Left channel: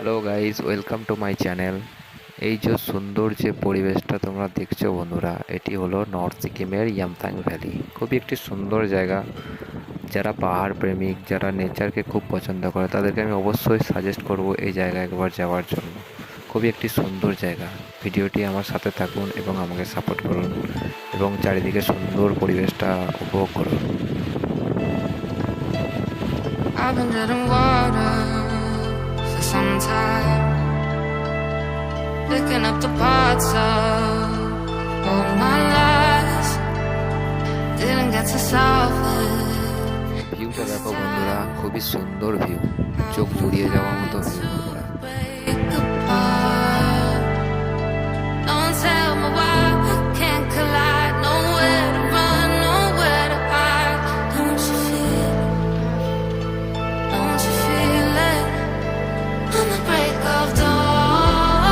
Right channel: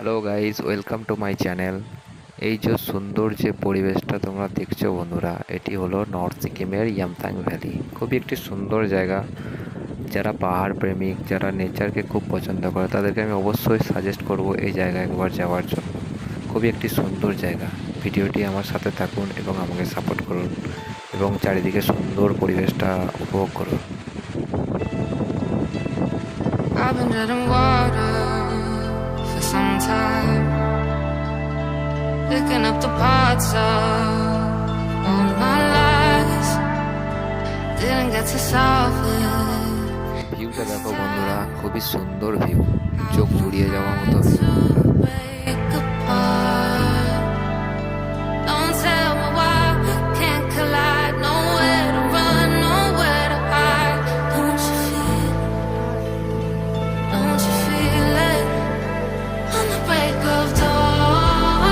Hello guys, welcome to my channel. এই যে সুন্দর যে পরিবেশটা তোমরা দেখছো বন্ধুরা, এটি হলো নর্থ সিকিমের ইয়ামথাং ভ্যালি। খুবই একটি সুন্দর জায়গা। যারা পাহাড় প্রেমিক, যারা নেচারকে খুব পছন্দ করে, তাদেরকে আমি অবশ্যই সাজেস্ট করব এই জায়গায় একবার যাওয়ার জন্য। খুবই একটি সুন্দর জায়গা। ভিডিওটি আমার সাথে থাকুন এবং আমাকে সাপোর্ট করুন এবং চারিদিকে সুন্দর পরিবেশটা উপভোগ করুন। I've been treading water for some time, picking up the parts of all my life. Didn't get to solve it. ভিউটা দেখো বন্ধুরা, খুবই সুন্দর ভিউ, চোখ জুড়িয়ে যাওয়ার মতো ভিউ বন্ধুরা। Break apart. Don't tell me why we can't collide. Nowhere to run, nowhere to hide. Don't you feel? Don't you feel it? On the break of dawn,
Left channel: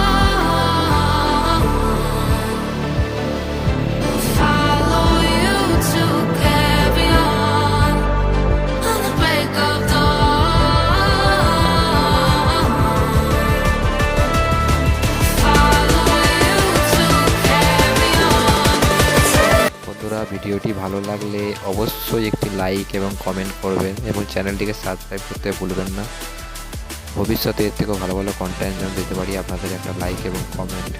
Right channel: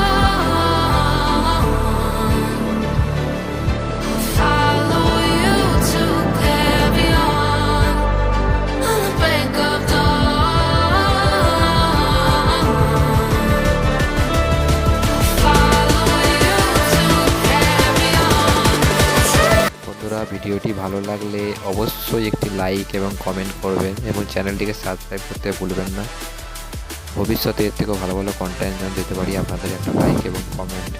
I'll follow you to carry on. On the break of dawn, follow you to carry on. বন্ধুরা, ভিডিওটি ভালো লাগলে অবশ্যই একটি like এবং comment করবেন এবং চ্যানেলটিকে সাবস্ক্রাইব করতে ভুলবেন না। ভবিষ্যতে এর থেকেও ভালো ভালো কন্টেন্ট যেন দিতে পারি, আপনাদের একটা লাইক এবং কমেন্ট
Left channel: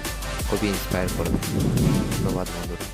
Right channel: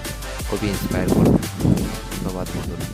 খুবই ইন্সপায়ার করবে। ধন্যবাদ বন্ধুরা।